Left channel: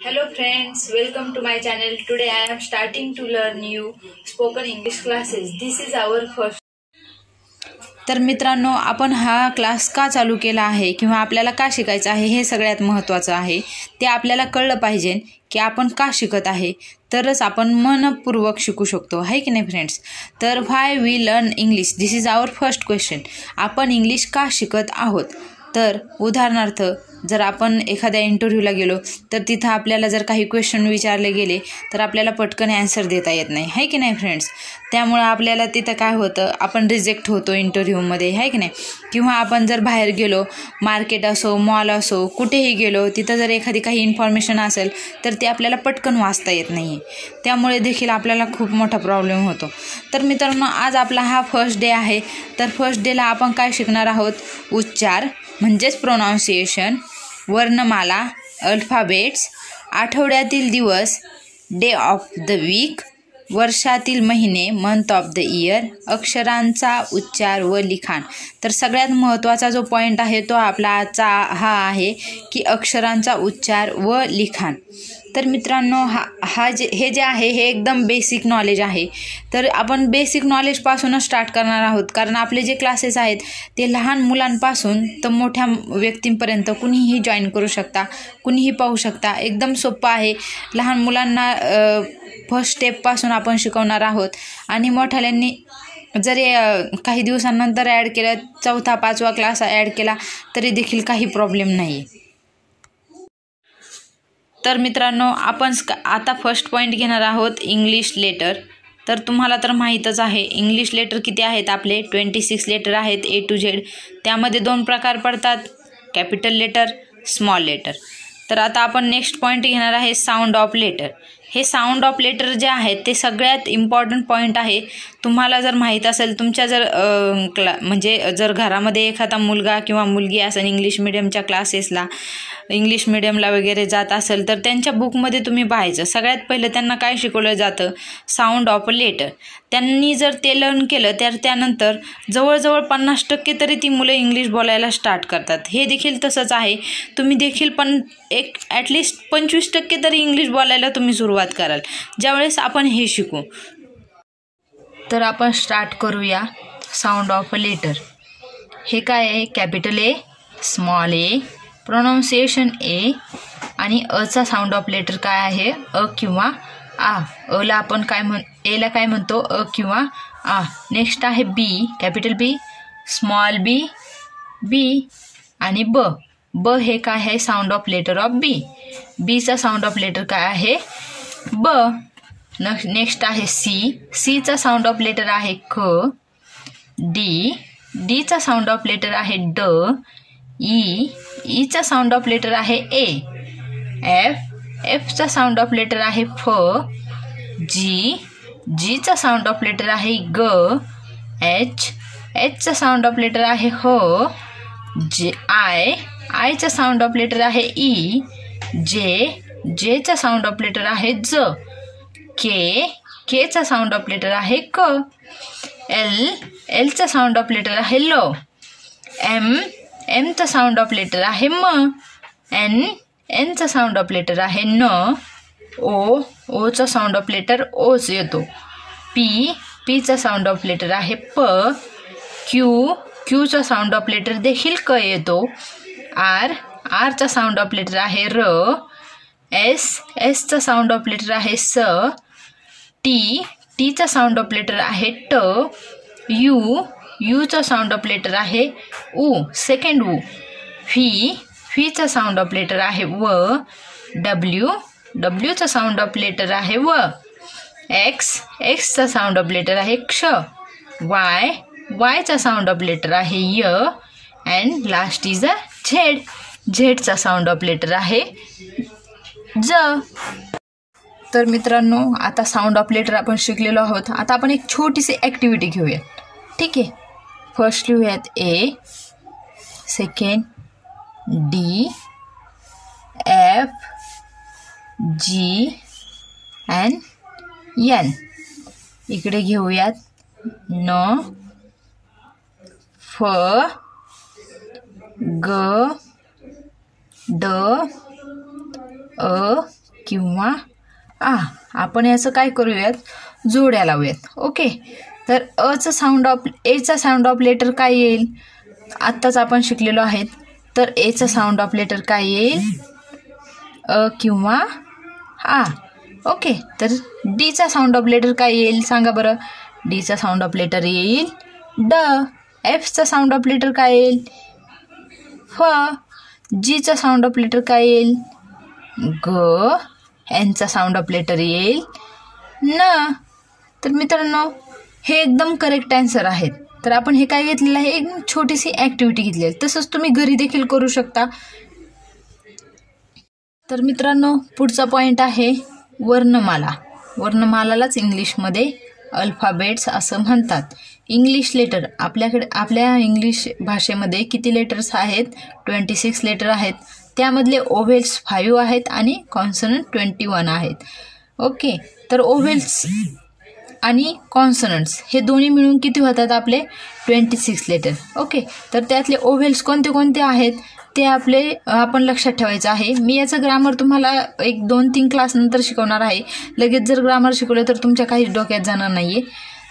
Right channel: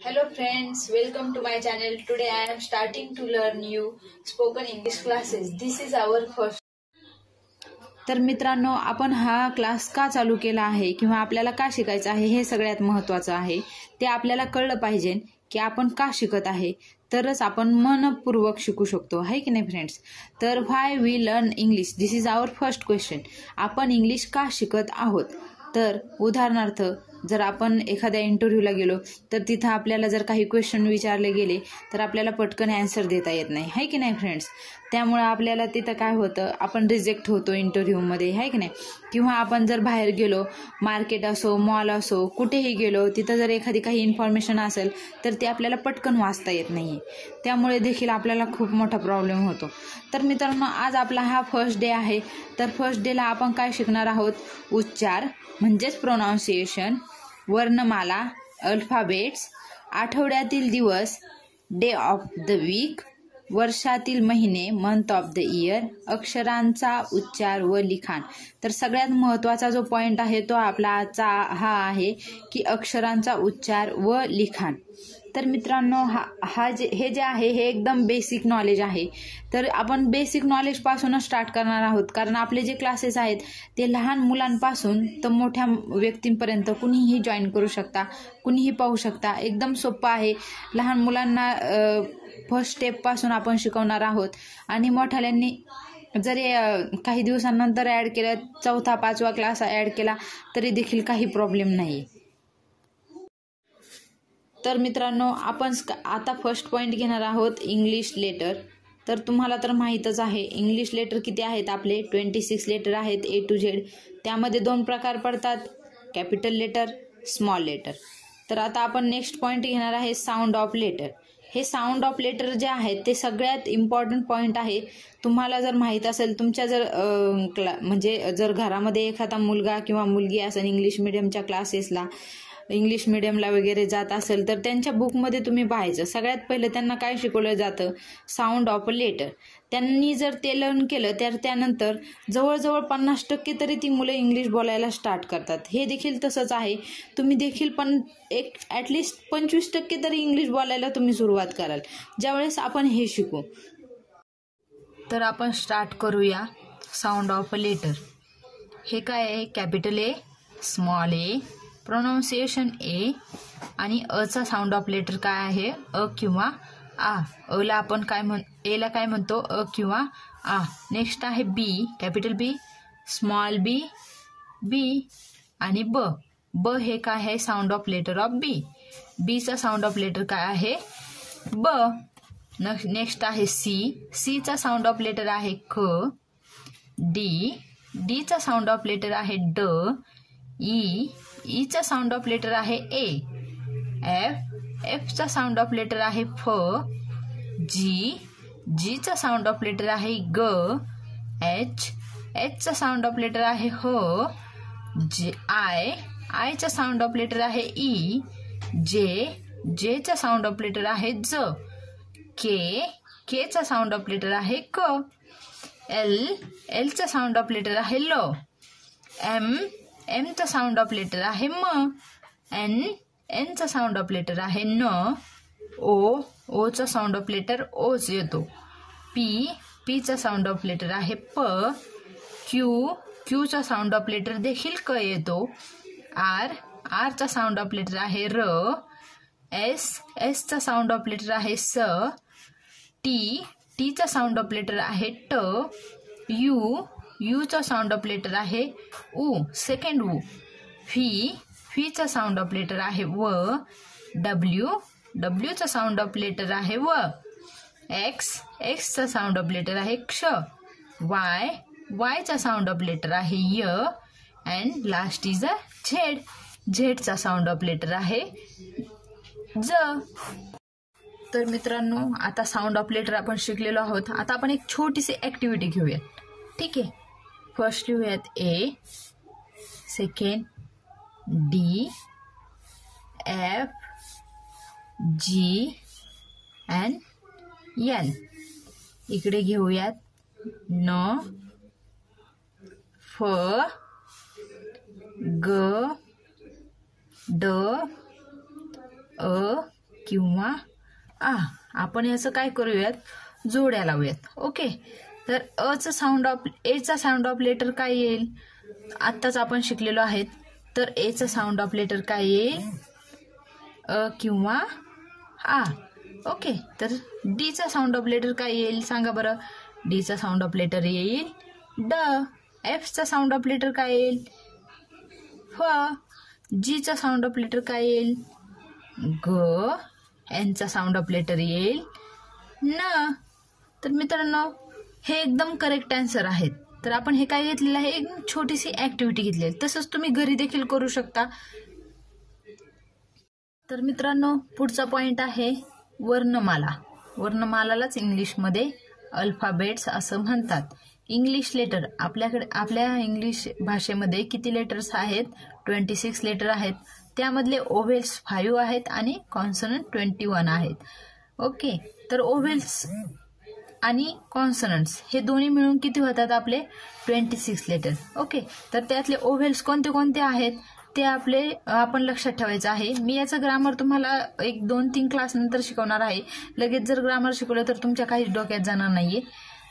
Hello friends, welcome to my channel. Today I am starting to learn new spoken English classes. This is our first. तर मित्रांनो, आपण हा class का चालू केला आहे किंवा आपल्याला का शिकायचं आहे हे सगळ्यात महत्त्वाचं आहे. ते आपल्याला कळलं पाहिजे की आपण का शिकत आहे, तरच आपण मनपूर्वक शिकू शकतो, आहे की नाही फ्रेंड्स. तर why we learn English, this is our first question. आपण इंग्लिश का शिकत आहोत. तर उदाहरणार्थ जर आपण एखाद्या इंटरव्ह्यूला गेलो तर तिथं आपल्याला जर काही क्वेश्चन विचारले गेले तर आपल्याला पटकन ॲन्सर देता येत नाही, आहे की नाही फ्रेंड्स. त्यामुळं आपल्याला तिथं काय होतं, आपण रिजेक्ट होतो इंटरव्ह्यूमध्ये, आहे की नाही. किंवा आपण जर बाहेर गेलो, मार्केट असो, मॉल असो, कुठेही गेलो, तिथं जर एखादी काही इन्फॉर्मेशन असेल तर ते आपल्याला पटकन वाचता येत नाही. त्यामुळे देखील आपल्याला खूप मोठा प्रॉब्लेम होतो. तर मित्रांनो, आज आपला हा फर्स्ट डे आहे. तर फर्स्ट डेला आपण काय शिकणार आहोत, उच्चार म्हणजेच प्रोनाऊन्सिएशन, वर्णमाला, अल्फाबेट्स, आठवड्यातील दिवस, डे ऑफ द वीक, वर्षातील महिने, मंथ ऑफ द इयर, अक्षरांचा उच्चार व लिखाण. तर सगळ्यात महत्त्वाचा जो पॉईंट आहे तो आपला आजचा हा आहे की अक्षरांचा उच्चार व लिखाण. तर मित्रांनो, हे जे आहे हे एकदम बेसिक नॉलेज आहे. तर आपण बेसिक नॉलेजपासूनच स्टार्ट करणार आहोत, कारण आपले जे क्लासेस आहेत ते लहान मुलांपासून तर मोठ्या व्यक्तींपर्यंत कुणीही जॉईन करू शकता, कुणीही पाहू शकता. एकदम सोपं आहे. लहान मुलांना फर्स्ट स्टेपपासून आपण शिकवणार आहोत आणि मोठ्याल्यांनी जरी काही दिवसांनंतर ॲड केलं, 4था 5वा क्लास ॲड केला तरी देखील काही प्रॉब्लेम नाही. तर मित्रांनो, आपण आता फर्स्ट पॉईंट घेणार आहोत इंग्लिश लेटर. तर तुम्हाला तर माहीतच आहे इंग्लिश लेटर किती आहेत आपले, 26 लेटर आहेत A to Z. त्यामध्ये 2 प्रकार पडतात, कॅपिटल लेटर, स्मॉल लेटर. तर आता आपण नेक्स्ट पॉईंट घेणार आहे साऊंड ऑफ लेटर. हे साऊंड ऑफ लेटर जे आहेत ते सगळ्यात इम्पॉर्टंट पॉईंट आहे. तुम्हाला जर माहीत असेल, तुमच्या जर म्हणजे जर घरामध्ये एखादा मुलगा किंवा मुलगी असेल इंग्लिश मिडियमच्या क्लासेसला, इंग्लिश मिडियमला वगैरे जात असेल तर त्यांच्या बुकमध्ये तुम्ही पाहायचं, सगळ्यात पहिलं त्यांना काय शिकवलं जातं, साऊंड ऑफ लेटर. त्यांनी जर ते लर्न केलं तर त्यानंतर जवळजवळ 50% तरी ती मुलं इंग्लिश बोलायला स्टार्ट करतात. हे देखील तसंच आहे. तुम्ही देखील ॲटलिस्ट 25% तरी इंग्लिश बोलायला तुम्ही सुरुवात कराल ज्यावेळेस आपण हे शिकू. तर आपण स्टार्ट करूया साऊंड ऑफ अ लेटर. हे काय आहे, capital A, small A, pronunciation A, आणि अचा साऊंड ऑफ लेटर काय आहे, अ किंवा आ. अला आपण एला काय म्हणतो, अ किंवा आ. नेक्स्ट आहे बी, कॅपिटल बी, स्मॉल बी, बी, आणि ब. ब हे काय आहे, साऊंड ऑफ लेटर ऑफ बी. बीचा साऊंड ऑफ लेटर काय आहे, ब. नेक्स्ट आहे सी. सीचा साऊंड ऑफ लेटर आहे क. डी. डीचा साऊंड ऑफ लेटर आहे ड. ई. ईचा साऊंड ऑफ लेटर आहे ए. एफ. एफचा साऊंड ऑफ लेटर आहे फ. जी. जीचा साऊंड ऑफ लेटर आहे ग. एच. एचचा साऊंड ऑफ लेटर आहे ह. जे. आय. आयचा साऊंड ऑफ लेटर आहे ई. जे. जेचा साऊंड ऑफ लेटर आहे ज. के. केचा साऊंड ऑफ लेटर आहे क. एल. एलचा साऊंड ऑफ लेटर आहे ल. एम. एमचा साऊंड ऑफ लेटर आहे म. एन. एनचा साऊंड ऑफ लेटर आहे न. ओ. Ocha sound of letter ouch येतो. पी. पीचा साऊंड ऑफ लेटर आहे प. क्यू. क्यूचा साऊंड ऑफ लेटर देखील क येतो. आर. आरचा साऊंड ऑफ लेटर आहे र. एस. एसचा साऊंड ऑफ लेटर आहे स. टी. टीचा साऊंड ऑफ लेटर आहे ट. यू. यूचा साऊंड ऑफ लेटर आहे उ, सेकंड उ. व्ही. व्हीचा साऊंड ऑफ लेटर आहे व. डब्ल्यू. डब्ल्यूचा साऊंड ऑफ लेटर आहे व. एक्स. एक्सचा साऊंड ऑफ लेटर आहे क्ष. वाय. वायचा साऊंड ऑफ लेटर आहे य. And last is a Z. झेडचा साऊंड ऑफ लेटर आहे ज. तर मित्रांनो, आता साऊंड ऑफ लेटर आपण शिकलेलो आहोत. आता आपण एक छोटीशी ॲक्टिव्हिटी घेऊया, ठीक आहे. फर्स्ट लिहूयात A, second D, F, G and N. इकडे घेऊयात न, फ, ग, ड, अ, किंवा आ. आपण याचं काय करूयात, जोड्या लावूयात. ओके, तर एचा साऊंड ऑफ लेटर काय येईल, आत्ताच आपण शिकलेलो आहेत. तर एचा साऊंड ऑफ लेटर काय येईल, अ किंवा आ. ओके, तर डीचा साऊंड ऑफ लेटर काय येईल सांगा बरं. डीचा साऊंड ऑफ लेटर येईल ड. एफचा साऊंड ऑफ लेटर काय येईल फ. जीचा साऊंड ऑफ लेटर काय येईल ग. एनचा साऊंड ऑफ लेटर येईल न. तर मित्रांनो, हे एकदम करेक्ट आन्सर आहेत. तर आपण हे काय घेतलेलं आहे, एक छोटीशी ॲक्टिव्हिटी घेतली आहे. तसंच तुम्ही घरी देखील करू शकता. तर मित्रांनो, पुढचा पॉईंट आहे वर्णमाला. वर्णमालालाच इंग्लिशमध्ये अल्फाबेट्स असं म्हणतात. इंग्लिश लेटर, आपल्या इंग्लिश भाषेमध्ये किती लेटर्स आहेत, 26 लेटर आहेत. त्यामधले ओव्हेल्स 5 आहेत आणि कॉन्सनंट 21 आहेत. ओके, तर ओव्हेल्स आणि कॉन्सनंट्स हे दोन्ही मिळून किती होतात आपले 26 लेटर. ओके, तर त्यातले ओव्हेल्स कोणते कोणते आहेत ते आपण लक्षात ठेवायचं आहे. मी याचं ग्रामर तुम्हाला 1-2-3 क्लास नंतर शिकवणार आहे. लगेच जर ग्रामर शिकवलं तर तुमच्या काहीच डोक्यात जाणार नाही आहे.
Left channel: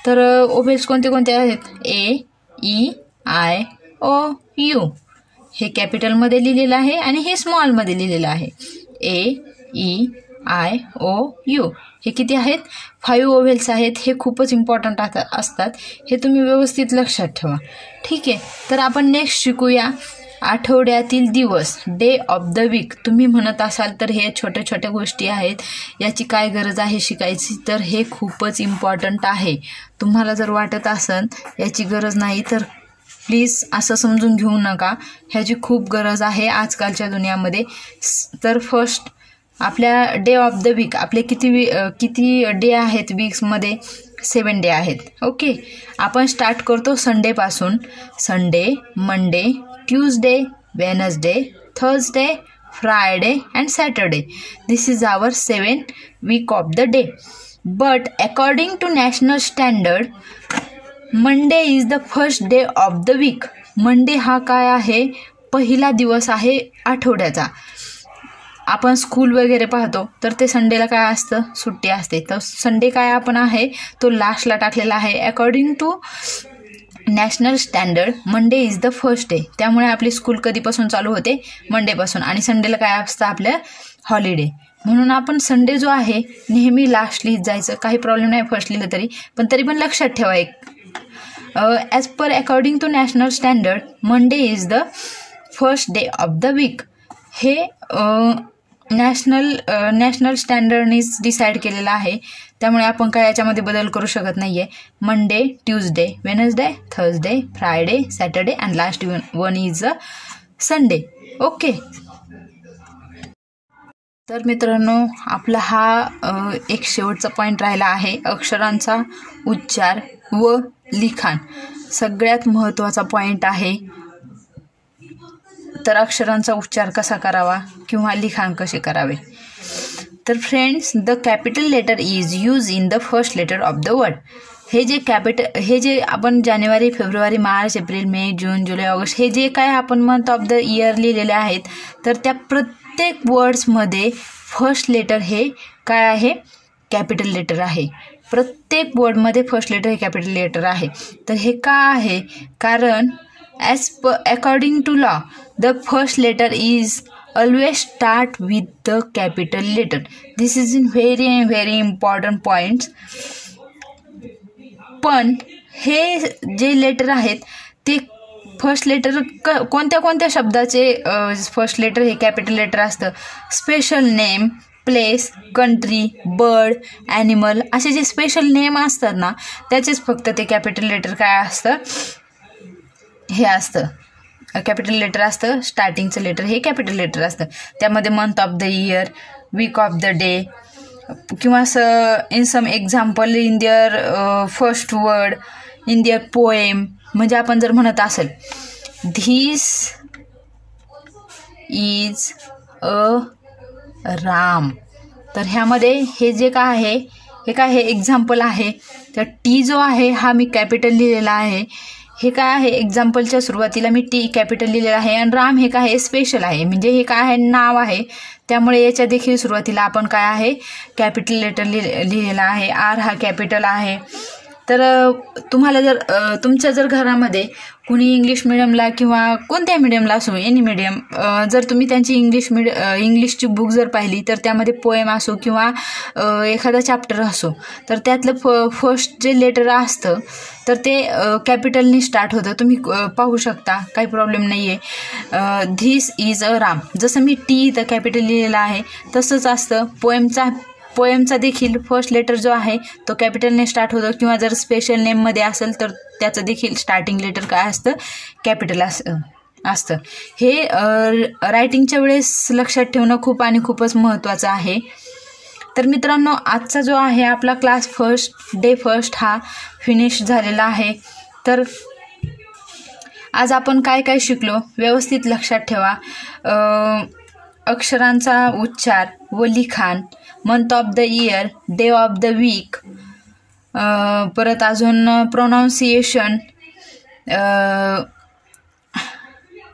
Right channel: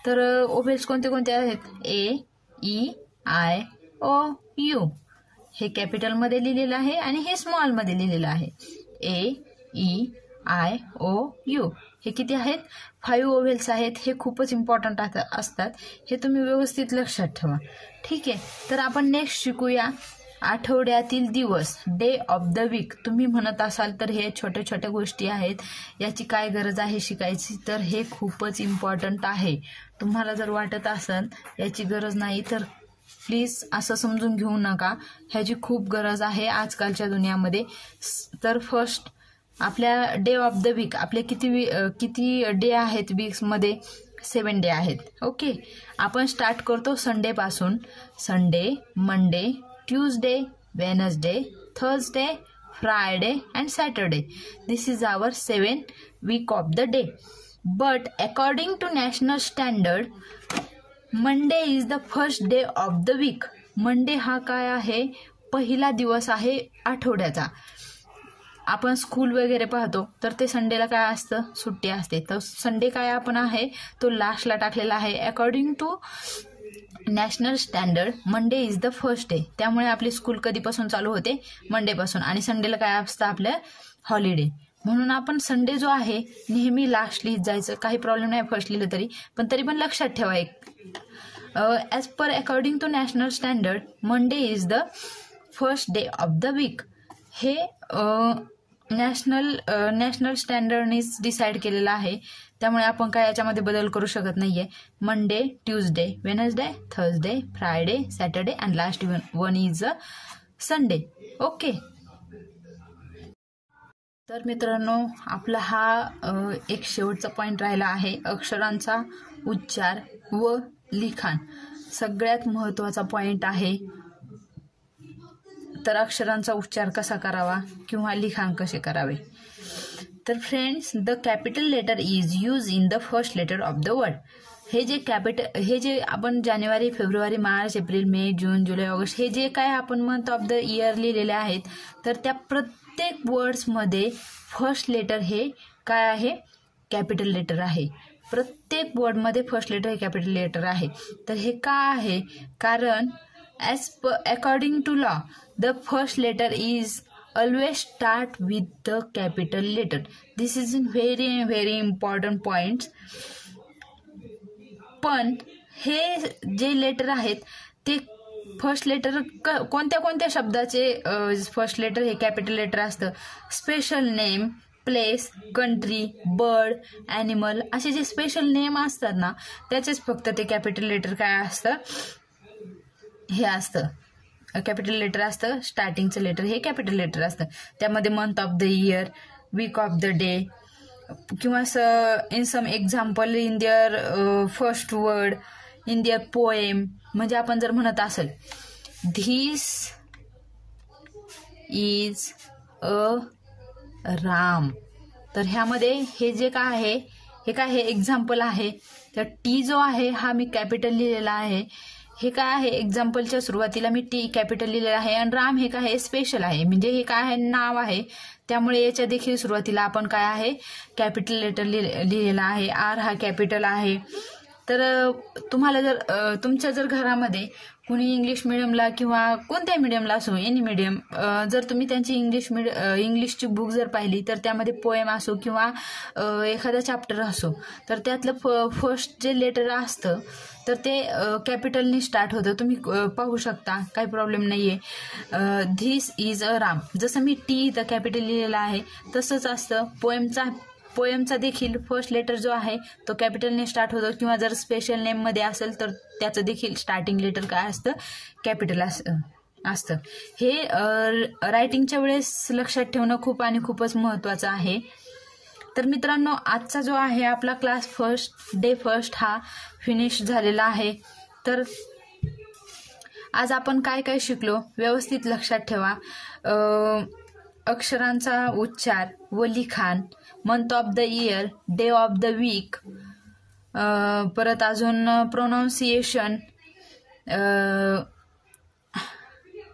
तर ओव्हेल्स कोणते कोणते आहेत, ए, ई, आय, ओ, यू. हे कॅपिटलमध्ये लिहिलेलं आहे आणि हे स्मॉलमध्ये लिहिलेलं आहे. ए, ई, आय, ओ, यू. हे किती आहेत, 5 ओव्हेल्स आहेत. हे खूपच इम्पॉर्टंट असतात. हे तुम्ही व्यवस्थित लक्षात ठेवा. ठीक आहे, तर आपण नेक्स्ट शिकूया आठवड्यातील दिवस, डे ऑफ द वीक. तुम्ही म्हणत असाल तर हे छोट्या छोट्या गोष्टी आहेत, याची काय गरज आहे शिकायची, तर हे खूपच इम्पॉर्टंट आहे. तुम्हाला जर वाटत असेल याची गरज नाही तर प्लीज असं समजून घेऊ नका, ह्याची खूप गरज आहे आजकालच्या दुनियामध्ये. तर फर्स्ट आपल्या डे ऑफ द वीक, आपले किती डे आहेत वीक्समध्ये, 7 डे आहेत. ओके, आपण स्टार्ट करतो संडेपासून. Sunday, Monday, Tuesday, Wednesday, Thursday, Friday and Saturday. This is our 7 week of the day. But according to national standard, Monday is the first day of the week. Monday हा काय आहे, पहिला दिवस आहे आठवड्याचा. आपण स्कूल वगैरे पाहतो तर ते संडेला काय असतं, सुट्टी असते. तर संडे काय आपण आहे तो लास्टला टाकलेला आहे. According to national standard Monday is the first day. त्यामुळे आपली स्कूल कधीपासून चालू होते, मंडेपासून. आणि संडेला काय असतं आपलं, हॉलिडे. म्हणून आपण संडे जो आहे नेहमी लास्ट लिहित जायचं, काही प्रॉब्लेम नाही फर्स्ट लिहिलं तरी. पण पण लक्षात ठेवा एक, as per according to national standard Monday is the first day of the week. हे नॅशनल स्टँडर्डनीच डिसाईड केलेलं आहे. त्यामुळे आपण काय याच्यामध्ये बदल करू शकत नाही आहे. Monday, Tuesday, Wednesday, Thursday, Friday, Saturday and last one is a Sunday. Okay, तर मित्रांनो, आपला हा एक शेवटचा पॉईंट राहिला आहे, अक्षरांचा उच्चार व लिखाण. सगळ्यात महत्त्वाचा पॉईंट आहे. तर अक्षरांचा उच्चार कसा करावा किंवा लिखाण कसे करावे. तर friends, the capital letter is use in the first letter of the word. हे जे आपण जानेवारी, फेब्रुवारी, मार्च, एप्रिल, मे, जून, जुलै, ऑगस्ट हे जे काय आपण मंथ ऑफ द इयर लिहिलेले आहेत, तर त्या प्रत्येक वर्ड्समध्ये फर्स्ट लेटर हे काय आहे, कॅपिटल लेटर आहे. प्रत्येक वर्डमध्ये फर्स्ट लेटर हे कॅपिटल लेटर आहे. तर हे का आहे, कारण according to law, the first letter is always start with the capital letter. This is very important points. पण हे जे लेटर आहेत ते फर्स्ट लेटर कोणत्या शब्दाचे फर्स्ट लेटर हे कॅपिटल लेटर असतं. Special name, place, country, bird, animal असे जे स्पेशल नेम असतात ना, त्याचेच फक्त ते कॅपिटल लेटर काय असतं, हे असतं, कॅपिटल लेटर असतं. स्टार्टिंगचं लेटर हे कॅपिटल लेटर असतं. त्यामध्ये month of the year, week of the day किंवा in some example in their first word, in their poem. म्हणजे आपण जर म्हणत असेल धिस इज अ राम, तर ह्यामध्ये हे जे काय आहे, हे काय हे एक्झाम्पल आहे. तर टी जो आहे हा मी कॅपिटल लिहिलेला आहे. हे काय आहे, एक्झाम्पलच्या सुरुवातीला मी टी कॅपिटल लिहिलेलं आहे आणि राम हे काय आहे, स्पेशल आहे, म्हणजे हे काय आहे, नाव आहे, त्यामुळे याच्या देखील सुरुवातीला आपण काय आहे, कॅपिटल लेटर लिहिलेलं आहे. आर हा कॅपिटल आहे. तर तुम्हाला जर तुमच्या जर घरामध्ये कुणी इंग्लिश मिडियमला किंवा कोणत्या मिडियमला असो, एनी मिडियम, जर तुम्ही त्यांची इंग्लिशची बुक जर पाहिली तर त्यामध्ये पोएम असो किंवा एखादा चॅप्टर असो, तर त्यातलं फर्स्ट जे लेटर असतं तर ते कॅपिटलनी स्टार्ट होतं. तुम्ही पाहू शकता, काही प्रॉब्लेम नाही आहे. धिस इज अ राम, जसं मी टी इथं कॅपिटल लिहिलेलं आहे तसंच असतं. पोएमचा देखील फर्स्ट लेटर जो आहे तो कॅपिटलने स्टार्ट होतो, किंवा जर स्पेशल नेममध्ये असेल तर त्याचं देखील स्टार्टिंग लेटर काय असतं, कॅपिटल असतं. हे रायटिंगच्या वेळेस लक्षात ठेवणं खूपच महत्त्वाचं आहे. तर मित्रांनो, आजचा जो आहे आपला क्लास डे फर्स्ट हा फिनिश झालेला आहे. तर आज आपण काय काय शिकलो व्यवस्थित लक्षात ठेवा. अक्षरांचा उच्चार व लिखाण, month of the year, day of the week, परत अजून प्रोनाऊन्सिएशन,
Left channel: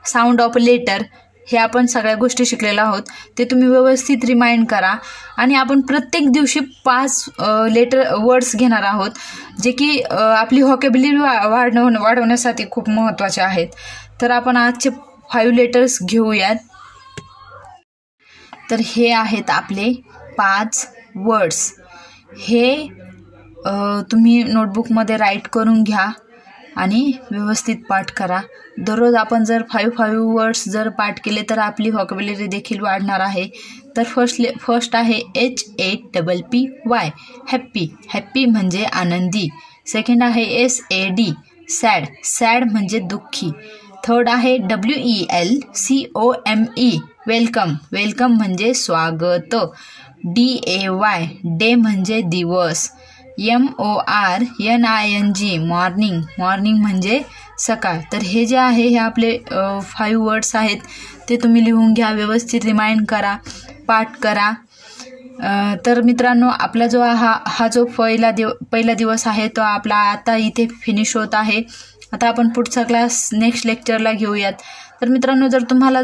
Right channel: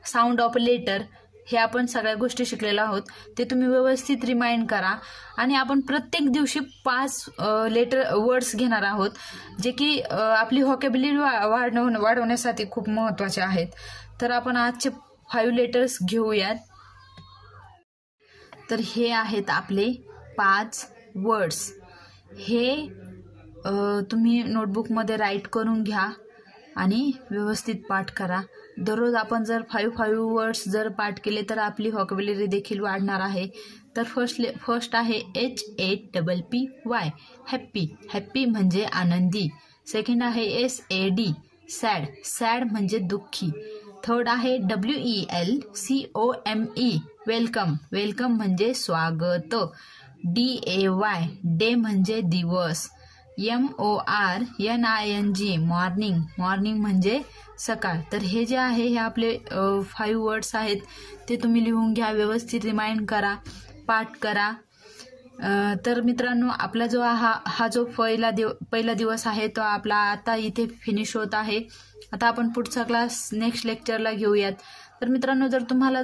साऊंड ऑफ लेटर, हे आपण सगळ्या गोष्टी शिकलेल्या आहोत. ते तुम्ही व्यवस्थित रिमाइंड करा. आणि आपण प्रत्येक दिवशी 5 वर्ड्स घेणार आहोत, जे की आपली व्हॉकॅब्युलरी वाढवण्यासाठी खूप महत्त्वाचे आहेत. तर आपण आजचे 5 लेटर्स घेऊयात. तर हे आहेत आपले 5 वर्ड्स. हे तुम्ही नोटबुकमध्ये राईट करून घ्या आणि व्यवस्थित पाठ करा. दररोज आपण जर 5 वर्ड्स जर पाठ केले तर आपली व्हॉकॅब्युलरी देखील वाढणार आहे. तर फर्स्ट आहे HAPPY, हॅप्पी म्हणजे आनंदी. सेकंड आहे SAD, सॅड म्हणजे दुःखी. थर्ड आहे WELCOME, वेलकम म्हणजे स्वागत. DAY, डे म्हणजे दिवस. MORNING, मॉर्निंग म्हणजे सकाळ. तर हे जे आहे हे आपले 5 वर्ड्स आहेत, ते तुम्ही लिहून घ्या, व्यवस्थित रिमाइंड करा, पाठ करा. तर मित्रांनो, आपला जो हा जो पहिला दिवस आहे तो आपला आता इथे फिनिश होत आहे. आता आपण पुढचा क्लास नेक्स्ट लेक्चरला घेऊयात. तर मित्रांनो, जर तुम्हाला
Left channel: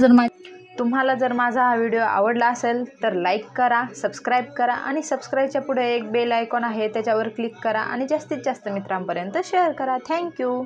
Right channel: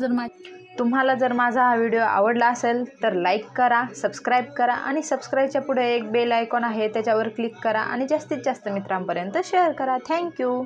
जर माझा हा व्हिडिओ आवडला असेल तर लाईक करा, सबस्क्राईब करा आणि सबस्क्राईबच्या पुढे एक बेल आयकॉन आहे त्याच्यावर क्लिक करा आणि जास्तीत जास्त मित्रांपर्यंत शेअर करा. थँक्यू.